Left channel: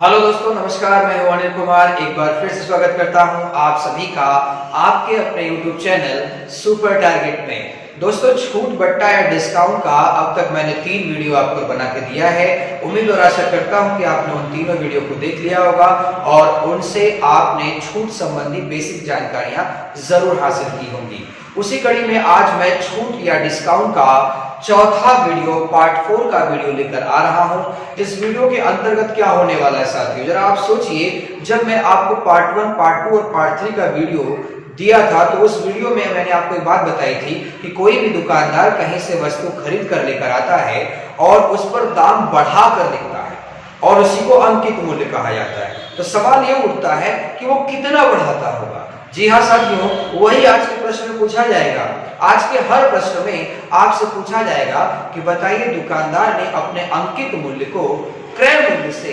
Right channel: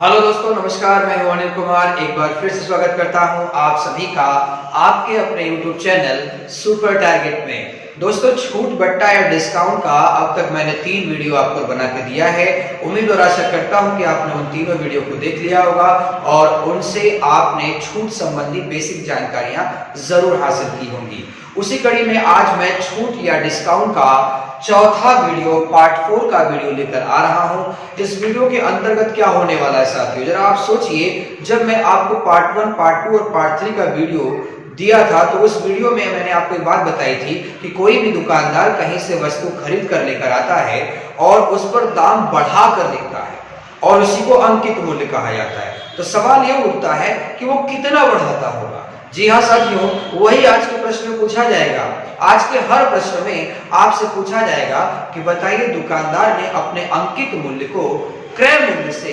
Hello दोस्तों, नमस्कार। मैं हूं अनिल कुमार। एक बार फिर से स्वागत करता हूं आप सभी का आपके अपने YouTube चैनल सुपर टारगेट में। दोस्तों, छूट बट्टा या डिस्काउंट का अब तक मैंने 3 वीडियो आपको बना के दिया है। उम्मीद और आशा करता हूं कि आपने उन तीनों वीडियो को देख लिया होगा और उनसे आपने छूट संबंधी बेसिक जानकारियां जरूर हासिल की होंगी। उसी कड़ी में आज मैं छूट या डिस्काउंट का चौथा वीडियो पार्ट 4 का वीडियो लेकर आ रहा हूं। इस वीडियो के अंतर्गत क्या होने वाला है साथियों, जरा आप सोचिए। जब मैं आपको पार्ट 1, पार्ट 2 और पार्ट 3 का वीडियो दिया था तो उस वीडियो में मैंने आपको एक बात बताई थी कि कोई भी दुकानदार कहीं से वस्तु खरीद कर लेकर आता है और उस पर दाम बढ़ा कर लिखता है और उसी को अंकित मूल्य कहा जाता है। तो सवाल यह उठता है कि वो कितना बढ़ाता होगा। जी हाँ साथियों, वही आज के प्रश्न में पूछा जाएगा। आज के हर प्रश्न में आपसे पूछा जाएगा कि बताइए दुकानदार ने अपने अंकित मूल्य को क्रय मूल्य से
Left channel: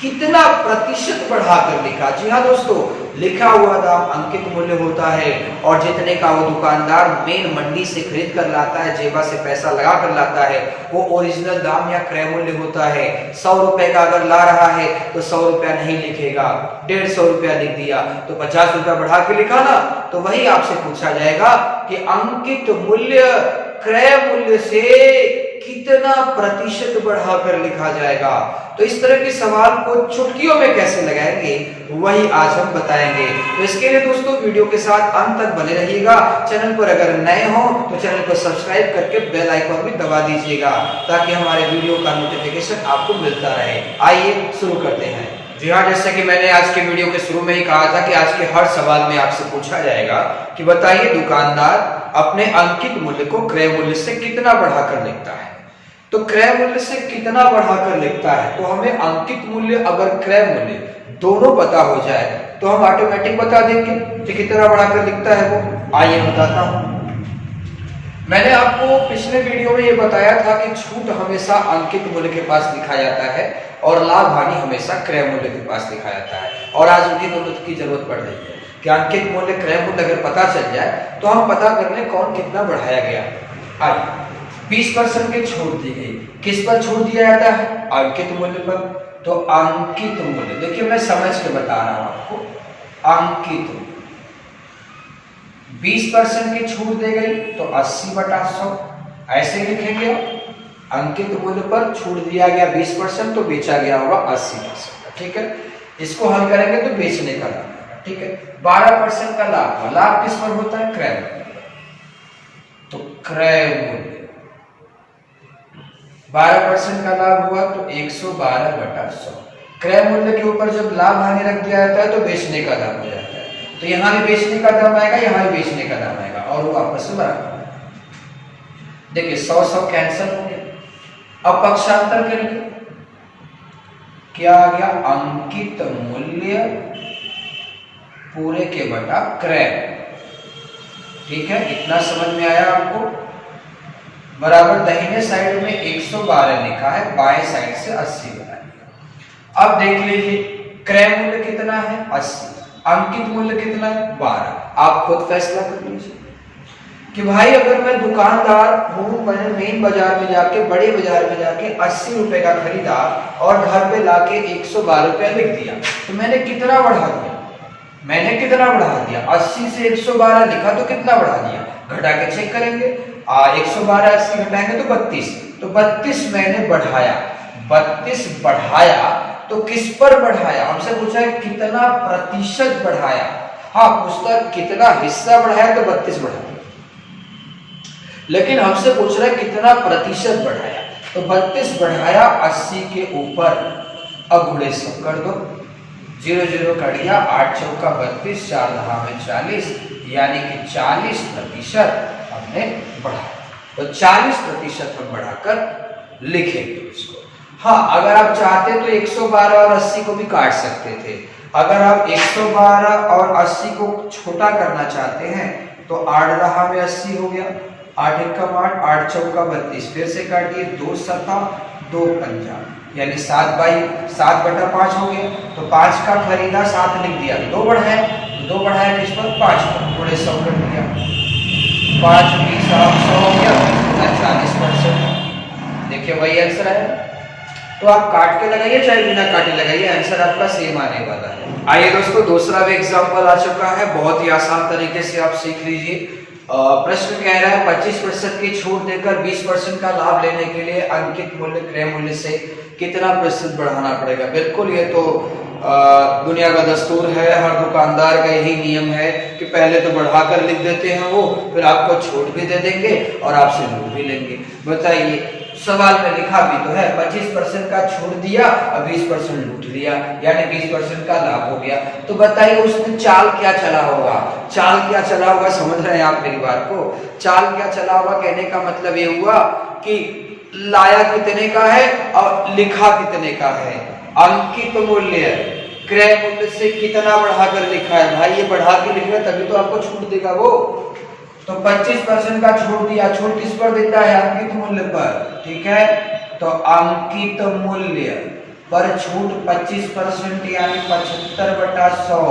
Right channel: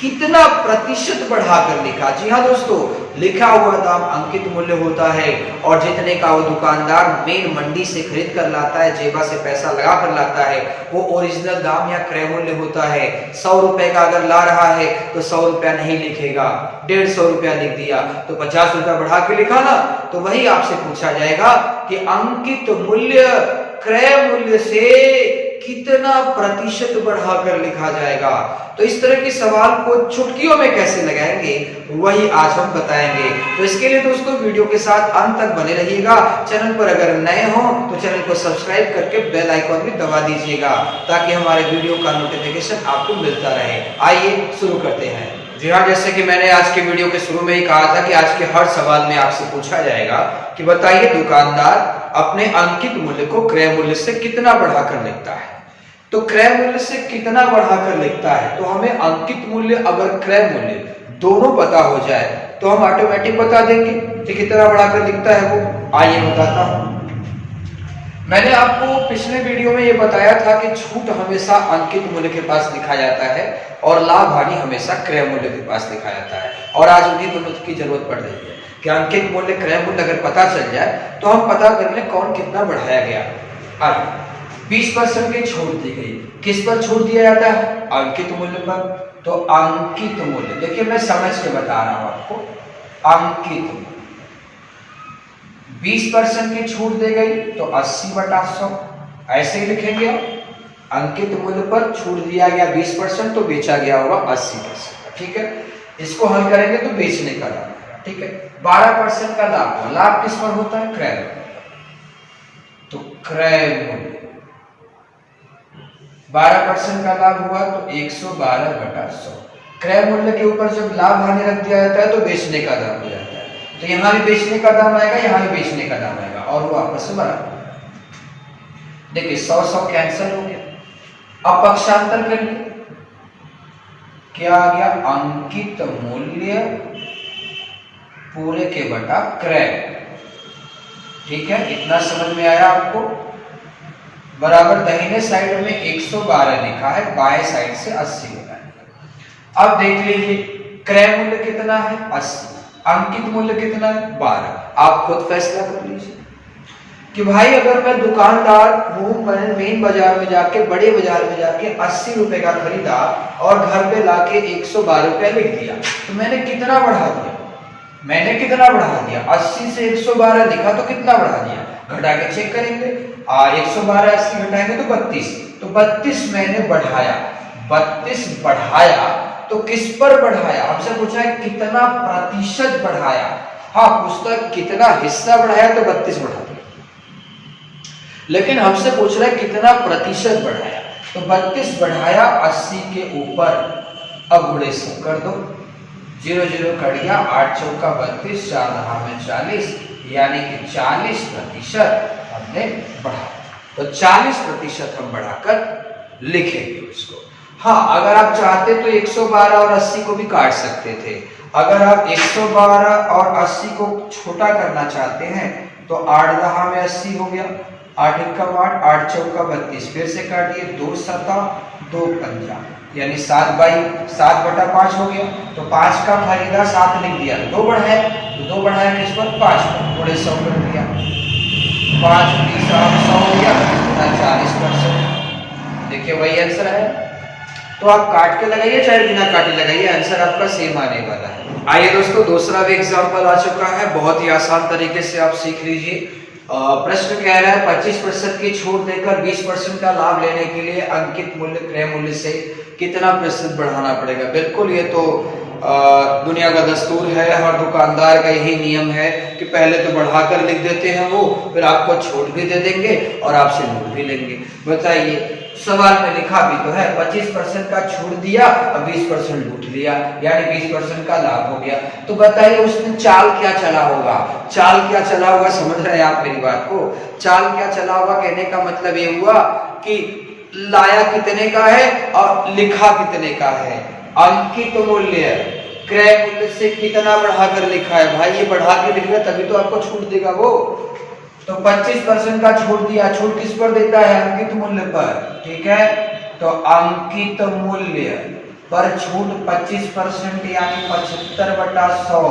कितना प्रतिशत बढ़ाकर लिखा। जी हाँ दोस्तों, लिखा हुआ दाम अंकित मूल्य होता है और जितने का वो दुकानदार मेन मंडी से खरीद कर लाता है, जेबा से पैसा लगा कर लाता है, वो ओरिजिनल दाम या क्रय मूल्य होता है। 100 रुपए का अगर ला रहा है तो 100 रुपया नहीं लिखेगा, 150 रुपया लिख दिया तो 50 रुपया बढ़ा के लिखा ना। तो वही आपसे पूछा जाएगा कि अंकित मूल्य क्रय मूल्य से कितना प्रतिशत बढ़ाकर लिखा जाएगा। तो इस तरह के सवाल को चुटकियों में कैसे लगाएंगे वही आज हम बताएंगे। तो इसके लिए दोस्तों वीडियो के साथ अंत तक बने रहिएगा। चैनल पर अगर नए हो तो चैनल को सब्सक्राइब करके बेल आइकॉन भी दबा दीजिएगा ताकि हमारे वीडियो का नोटिफिकेशन आपको मिलता रहे। आइए शुरू करते हैं। जी हाँ, जैसे कि मैंने आज के वीडियो के शुरू में ही कहा था कि आज के हर सवाल में आपसे पूछा जाएगा कि बताइए दुकानदार अपने अंकित मूल्य को क्रय मूल्य से कितना बढ़ाकर लिखता है। तो क्रय मूल्य से कितना बढ़ाकर लिखता है, तो हमें अंकित मूल्य अगर क्रय मूल्य दोनों पता हो जाए तो हम ऑटोमेटिक बता देंगे कि कितना बढ़ाकर लिखता है वो। आइए बताता हूं। मैंने आपको पिछले वीडियो में ये बताया था कि छूट हमेशा अंकित मूल्य के पास लिखा जाता है और लाभ हानि हमेशा क्रय मूल्य के पास लिखा जाता है। और आज उन्हीं दोनों की जरूरत पड़ रही है कि अंकित मूल्य क्रय मूल्य अगर पता चल जाए तो हम पता कर लें कौन कितना बढ़ाया गया। आइए, 20% की छूट दी गई। किस पर छूट दिया जाता है? अंकित मूल्य पर। तो अंकित मूल्य देखिए, मैं समझ के बता रहा हूं आपको। अंकित 20% की छूट दी गई तो 80/100 ऐसे ही लिखेंगे। अंकित मूल्य पर छूट दिया गया 20% तो बेचा गया होगा 80%। ठीक है, इसको हल करेंगे तो बेचने का लाभ। ठीक है, 12% का लाभ हुआ। लाभ किस पर होता है? क्रय मूल्य पर। तो क्रय मूल्य 12% का लाभ हुआ तो 112/100। क्रय मूल्य के ऊपर जब लाभ हानि रख दिया जाता है तो बेचने का दाम हो जाता है। तो यहां भी बेचने का दाम आएगा, यहां भी बेचने का दाम आएगा और वो आपस में बराबर। देखिए 100 कैंसिल हो गया। अब पक्षांतर करेंगे, क्या आ गया? अंकित मूल्य पूरे के बटा क्रय। ठीक है, इतना समझ में आया आपको? बराबर दाहिने साइड में 112 लिखा है, बाएं साइड से 80 बनाएंगे। अब देख लीजिए क्रय मूल्य कितना है? 80। अंकित मूल्य कितना है? 12। आप खुद फैसला कर लीजिए कि भाई अगर मैं दुकानदार हूं, मैंने मेन बाजार में जाके, बड़े बाजार में जाके 80 रुपए का खरीदा और घर पे लाके 112 रुपया लिख दिया तो मैंने कितना बढ़ा दिया? मैंने कितना बढ़ा दिया? 80 से 112 लिखा तो कितना बढ़ा दिया? घटा के चेक करेंगे। 112 80 घटाएंगे तो 32। तो 32 मैंने बढ़ाया। 32 बढ़ाया तो किस पर बढ़ाया? हमसे पूछा है कितना प्रतिशत बढ़ाया। हाँ, पूछता है कितना हिस्सा बढ़ाया तो 32 बढ़ा दिया, लेकिन हमसे पूछ रहा है कितना प्रतिशत बढ़ाया। तो 32 बढ़ाया 80 के ऊपर। अब गुणे 100 कर दो। 0 0 कट गया, 8 चौका 32, 4 दहा में 40, यानी कि 40% हमने बढ़ाया। तो 40% हम बढ़ाकर लिखेंगे उसको। हाँ, अगर आप चाहते तो 112 और 80 को भी काट सकते थे। अगर आप 112 और 80 को छोटा करना चाहते हैं तो 8 दहा में 80 हो गया, 8 एकम 8, 8 चौका 32, फिर से काटिए, 2 सत्ता 2 पंजा, यानी 7/5 हो गया। तो 5 का खरीदा 7 लिख दिया, 2 बढ़ाया किस पर? 5 पर। थोड़े 100 कर दिया, 5 20 100 हो गया, 40%। देखिए वही आंसर है। तो आप काट के लगाइए चाहे बिना काटे लगाइए, आंसर आपका सेम आने वाला है। आइए दोस्तों, दूसरा भी एग्जाम्पल आ चुका है, बहुत ही आसान तरीके से आप सीख लीजिए। प्रश्न कह रहा है 25% की छूट देकर 20% का लाभ लेने के लिए अंकित मूल्य क्रय मूल्य से कितना प्रतिशत बढ़ाना पड़ेगा। बिल्कुल, ये तो दुनिया का दस्तूर है, हर दुकानदार का यही नियम है कि पहले तो बढ़ाकर लिख देते हैं वो, फिर आपको छूट भी दे देंगे और आपसे लूट भी लेंगे। बताइए, सवाल में लिखा भी तो है 25% का छूट दिया और 20% लूट लिया, यानी 20% का लाभ हो गया। तो बताइए उसमें चाल क्या चला होगा, चाल क्या चला होगा, समझ रहे हैं आप मेरी बात को? चाल क्या चला होगा कहने का मतलब ये हुआ कि लाया कितने का है और लिखा कितने का है। अंकित मूल्य क्रय मूल्य से कितना बढ़ाकर लिखा है, भाई ये बढ़ा के लिख रहा है तभी तो आपको छूट देगा वो। तो 25% का छूट दिया, छूट किस पर देता है? अंकित मूल्य पर, ठीक है। तो अंकित मूल्य पर छूट 25% यानी 75/100,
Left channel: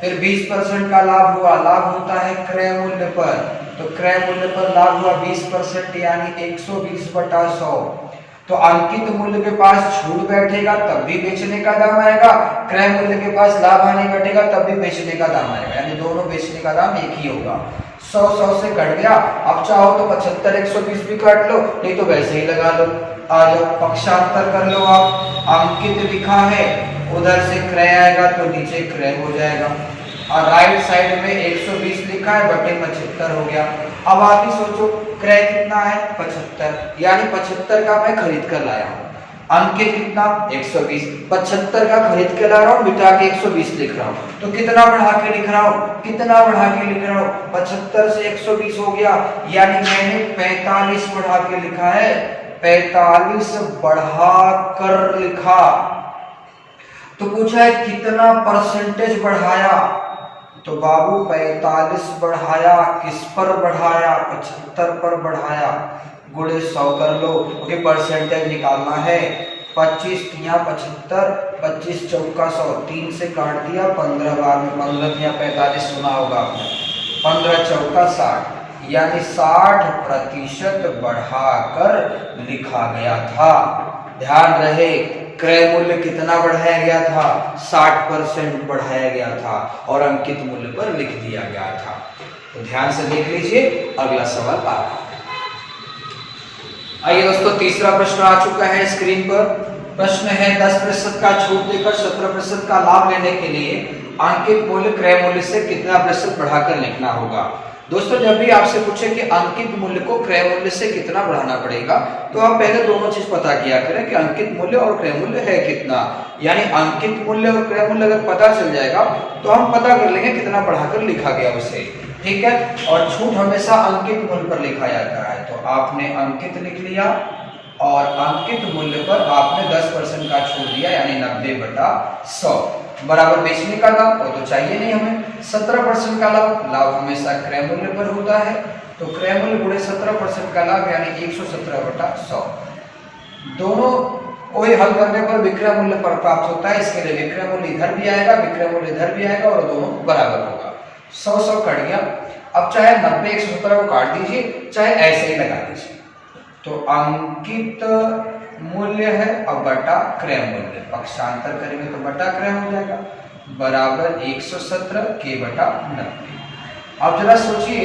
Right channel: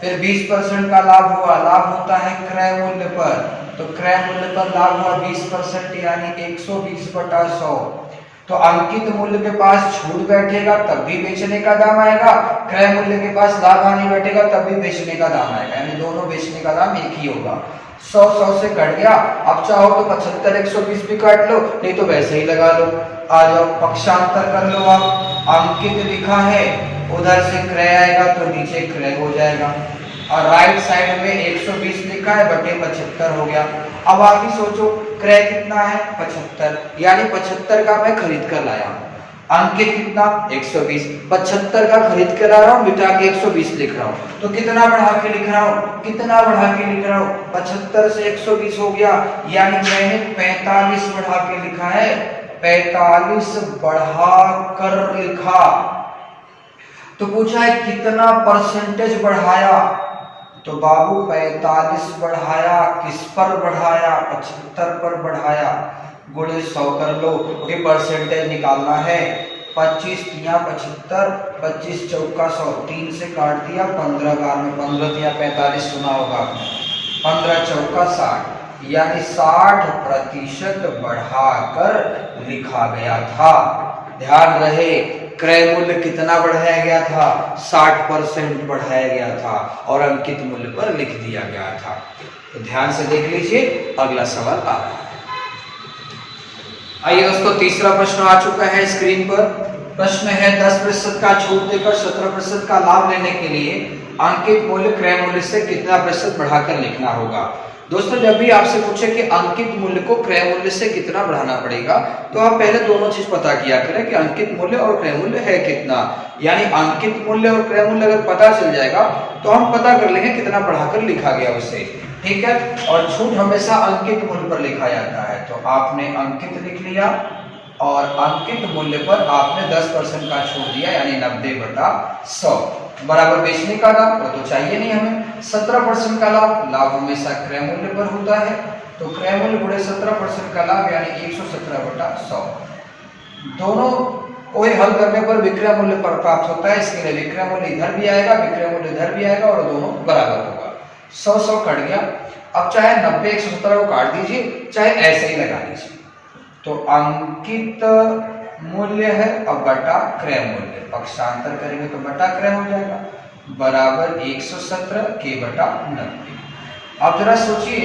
फिर 20% का लाभ हुआ, लाभ होता है क्रय मूल्य पर, तो क्रय मूल्य पर लाभ हुआ 20% यानी 120/100। तो अंकित मूल्य के पास छूट बैठेगा तब भी बेचने का दाम आएगा, क्रय मूल्य के पास लाभ आने बैठेगा तब भी बेचने का दाम आएगा, यानी दोनों बेचने का दाम एक ही होगा। 100 से कट गया, अब चाहो तो 75 120 भी काट लो, नहीं तो वैसे ही लगा लो। आ जाओ, पक्षांतर कर लो आप। अंकित लिखा है, उधर से क्रय आएगा तो नीचे क्रय हो जाएगा, और राइट साइड में 120 लिखा है बटे 75 हो गया। अब आप ही सोचो, क्रय कितना है? 75, यानी 75 का मैं खरीद कर लाया हूँ। अंकित कितना? 120, 75 का खरीद के ला रहा हूँ, बिटा के 120 लिख रहा हूँ। तो कितना बढ़ा के लिख रहा हूँ? कितना बढ़ा के लिख रहा हूँ? 75 से 120 हो गया, यानी मैंने 45 बढ़ा के लिखा है, 45 बढ़ा कर लिखा। तो पूछा है कितना परसेंटेज बढ़ाया, तो बाबू 45 बढ़ाया, किस पर बढ़ाया? 75 पर बढ़ाया, गुणे 100 कर लो, क्योंकि परसेंटेज निकालना है। 25 तिया 75, 25 चौका 100, 3 से काट दिया 15 बार में, 15 तिया 45 सुना होगा आपने, 15 चौका 60, यानी 60% बढ़ाकर लिखा गया था। ध्यान रहे, क्रय मूल्य कितना बढ़ाया गया था? 60% बढ़ाया गया था और अंकित मूल्य पर लिख दिया गया था। तो ध्यान से देख लीजिए, अगला सवाल आ रहा है। आइए दोस्तों, तीसरा प्रश्न आ चुका है स्क्रीन पर। प्रश्न है 10% का छूट देकर 17% का लाभ लेने के लिए अंकित मूल्य क्रय मूल्य से कितना प्रतिशत बढ़ाकर लिखना होगा। दोस्तों, जब भी आपसे पूछे कि अंकित मूल्य को क्रय मूल्य से कितना बढ़ाना पड़ेगा, तो आप पहले दोनों चीज पता किया करें कि अंकित मूल्य और क्रय मूल्य है कितना। यानी अंकित मूल्य और क्रय मूल्य अगर पता चल जाएगा तो हम पता कर लेंगे कितना बढ़ाकर लिखा गया उसे, ठीक है। और छूट हमेशा अंकित मूल्य पर लिखा जाता है, तो आपने अंकित लिख लिया और अंकित मूल्य पर आपने 10% का छूट दिया, यानी 90/100 बराबर बेचने का दाम, वो तो चाहिए नहीं हमें। 17% का लाभ, लाभ हमेशा क्रय मूल्य पर होता है, तो क्रय मूल्य गुणे 17% का लाभ यानी 117/100। दोनों को हल करने पर विक्रय मूल्य पर प्राप्त होता है, इसके लिए विक्रय मूल्य इधर भी आएगा, विक्रय मूल्य इधर भी आएगा और दोनों बराबर होगा। 100 कट गया, अब चाहे 90 117 को काट दीजिए, चाहे ऐसे ही लगा दीजिए। तो अंकित मूल्य है और बटा क्रय मूल्य, पक्षांतर करेंगे तो बटा क्रय हो जाएगा, बराबर 117 के बटा 90। अब जरा सोचिए,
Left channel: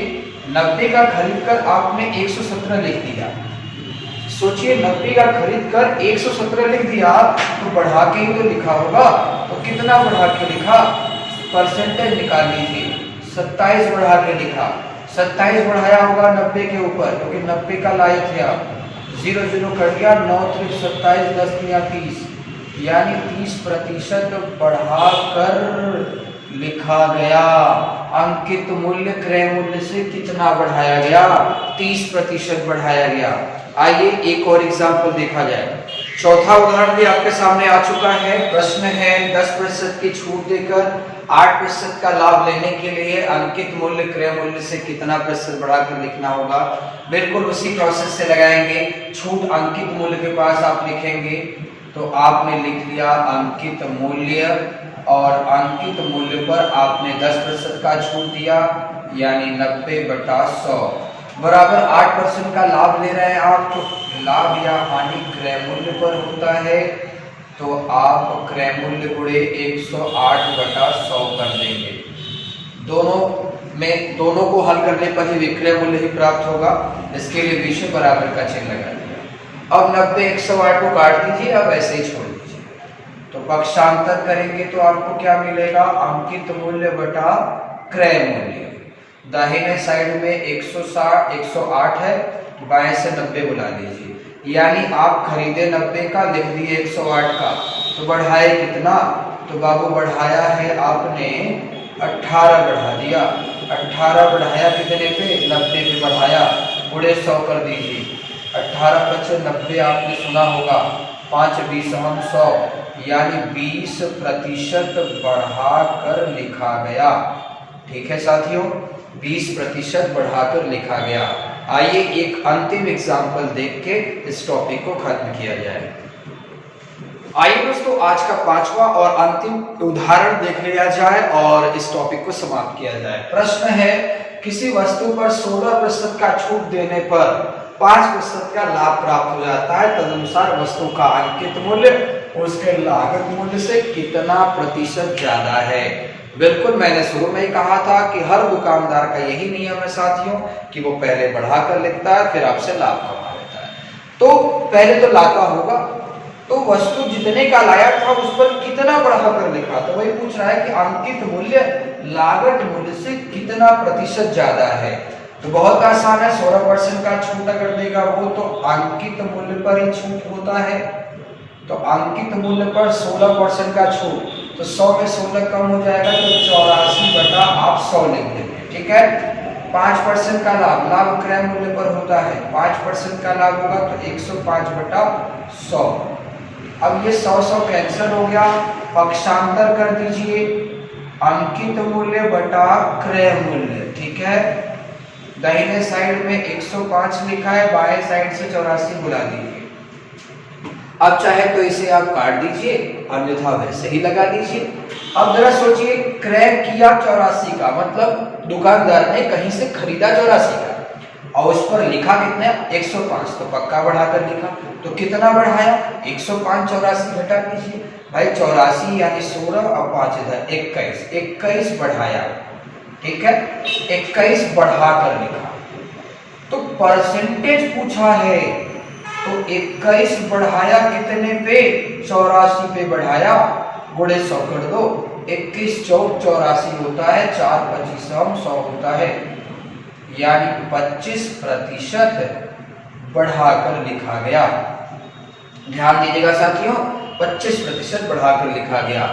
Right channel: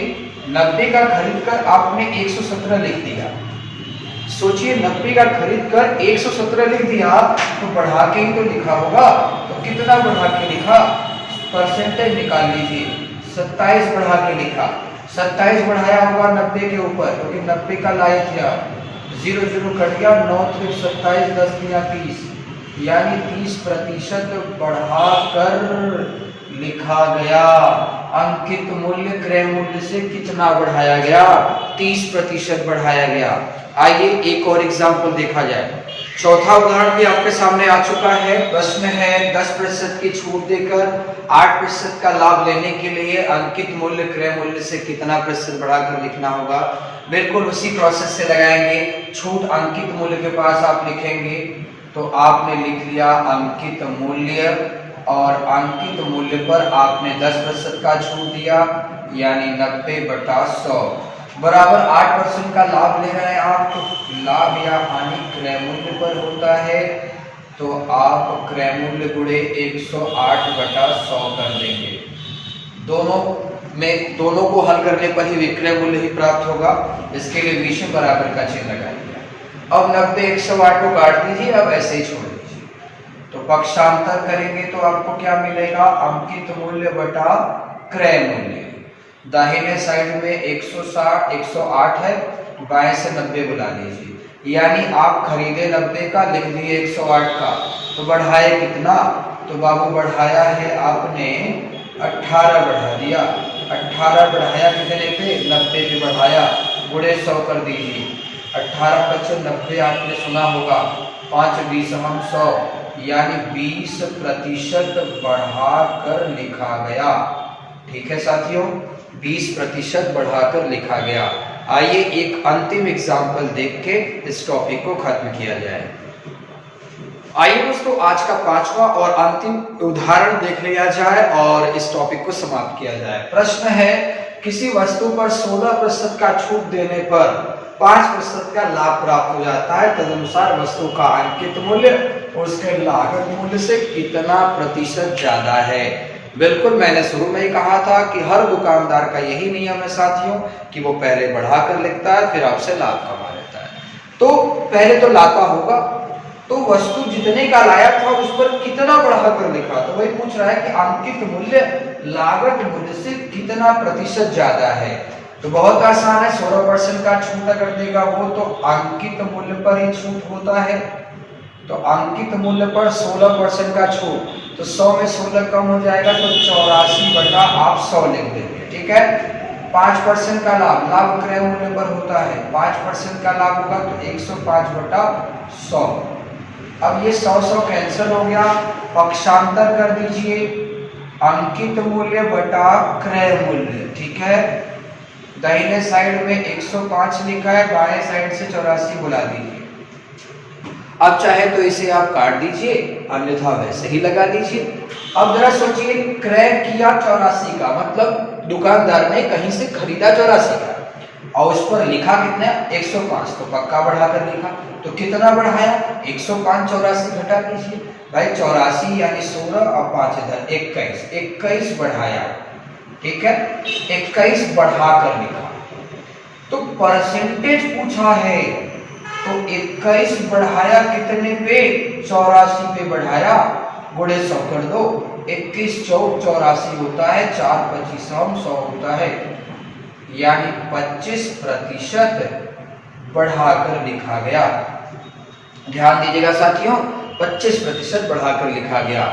90 का खरीद कर आपने 117 लिख दिया। सोचिए 90 का खरीद कर 117 लिख दिया, तो बढ़ा के ही तो लिखा होगा, तो कितना बढ़ा के लिखा? परसेंटेज निकाल लीजिए, 27 बढ़ा के लिखा। 27 बढ़ाया होगा 90 के ऊपर, क्योंकि 90 का लाए थे आप, 0 कट गया, 9 त्रिक 27, 10 तिया 30, यानी 30% बढ़ाकर लिखा गया। अंकित मूल्य क्रय मूल्य से कितना बढ़ाया गया? 30% बढ़ाया गया। आइए एक और एग्जाम्पल देखा जाए। चौथा उदाहरण भी आपके सामने आ चुका है। प्रश्न है 10% की छूट देकर 8% का लाभ लेने के लिए अंकित मूल्य क्रय मूल्य से कितना प्रतिशत बढ़ाकर लिखना होगा। बिल्कुल उसी प्रोसेस से लगाएंगे। छूट अंकित मूल्य के पास आप लिखेंगे, तो आपने लिख लिया अंकित मूल्य, और अंकित मूल्य पर आपने 10% का छूट दिया, यानी 90/100। बराबर 8% का लाभ ले रहे हैं आप, तो लाभ या हानि क्रय मूल्य पर होता है, तो आप क्रय मूल्य गुणे 108 बटा 100 कर देंगे। दोनों को हल करने पर ही विक्रय मूल्य ही प्राप्त होगा, इसके लिए बीच में बराबर का चिन्ह लगा दिया। अब 90 108 को काट दीजिए, अब ऐसे ही छोड़ दीजिए, तो पक्षांतर करेंगे तो आपको क्या मिलेगा, अंकित मूल्य बटा क्रय मूल्य। दाहिने साइड में 108 है, बाएं से 90 बुला लीजिए, यानी आप खरीदे 90 का, लिख दिए 108 का, तो बढ़ाए कितना, तो बाबू बढ़ाया है आपने 18 बढ़ा दिया। 18 बढ़ाया कितने पे, 90 पे बढ़ाया, गुणे 100 कर दीजिए। 18 × 90 आपने सुना होगा, 5 20 हम 100, यानी 20% बढ़ाकर लिखा गया। ठीक है साथियों, 20% बढ़ाकर लिखा गया। आइए एक अंतिम एग्जाम्पल देख के इस टॉपिक को खत्म किया जाए। आइए दोस्तों, आज का 5वां और अंतिम उदाहरण देख लिया जाए और इस टॉपिक को समाप्त किया जाए। प्रश्न है, किसी वस्तु पर 16% का छूट देने पर 5% का लाभ प्राप्त हो जाता है, तदनुसार वस्तु का अंकित मूल्य उसके लागत मूल्य से कितना प्रतिशत ज्यादा है। बिल्कुल, मैंने शुरू में ही कहा था कि हर दुकानदार का यही नियम है साथियों, कि वो पहले बढ़ा कर लिखता है, फिर आपसे लाभ कमा लेता है। तो पहले तो लाता होगा, तो वस्तु जितने का लाया था उस पर कितना बढ़ाकर लिखा, तो वही पूछ रहा है कि अंकित मूल्य लागत मूल्य से कितना प्रतिशत ज्यादा है। तो बहुत आसान है, 16% का छूट अगर देगा वो, तो अंकित मूल्य पर ही छूट होता है। तो अंकित मूल्य पर 16% का छूट, तो 100 में 16 कम हो जाएगा, तो 84 बटा आप 100 लिख देंगे। ठीक है, 5% का लाभ, लाभ क्रय मूल्य पर होता है, 5% का लाभ होगा तो 105 बटा 100। अब ये 100 कैंसिल हो गया, पक्षांतर कर दीजिए, अंकित मूल्य बटा क्रय मूल्य। ठीक है, दाहिने साइड में 105 लिखा है, बाएं साइड से 84 बुला दीजिए। अब चाहे तो इसे आप काट दीजिए, अन्यथा वैसे ही लगा दीजिए। अब जरा सोचिए, क्रय किया 84 का, मतलब दुकानदार ने कहीं से खरीदा 84 का और उस पर लिखा कितना, 105, तो पक्का बढ़ाकर लिखा, तो कितना बढ़ाया, 105 84 घटा दीजिए भाई, 84 यानी 16 और 5 इधर 21 बढ़ाया। ठीक है, 21 बढ़ाकर लिखा, तो परसेंटेज पूछा है, तो 21 बढ़ाया कितने पे, 84 पे बढ़ाया, गुणे 100 कर दो, 21 चौक 84 होता है, 4 25 100 होता है, यानी 25% बढ़ाकर लिखा गया। ध्यान दीजिएगा साथियों, 25% बढ़ाकर लिखा गया।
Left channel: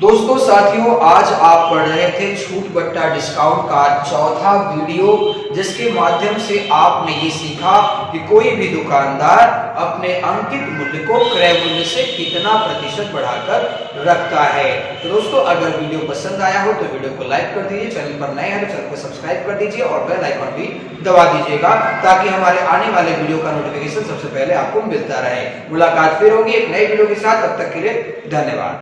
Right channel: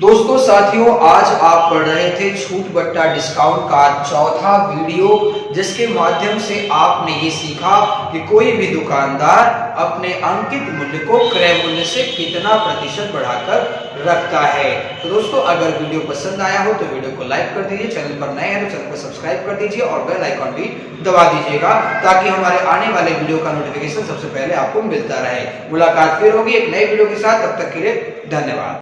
दोस्तों साथियों, आज आप पढ़ रहे थे छूट बट्टा डिस्काउंट का चौथा वीडियो, जिसके माध्यम से आपने ये सीखा कि कोई भी दुकानदार अपने अंकित मूल्य को क्रय मूल्य से कितना प्रतिशत बढ़ाकर रखता है। तो दोस्तों, अगर वीडियो पसंद आया हो तो वीडियो को लाइक कर दीजिए, चैनल पर नए हैं तो चैनल को सब्सक्राइब कर दीजिए और बेल आइकॉन भी दबा दीजिएगा, ताकि हमारे आने वाले वीडियो का नोटिफिकेशन सबसे पहले आपको मिलता रहे। मुलाकात फिर होगी एक नए वीडियो के साथ, तब तक के लिए धन्यवाद।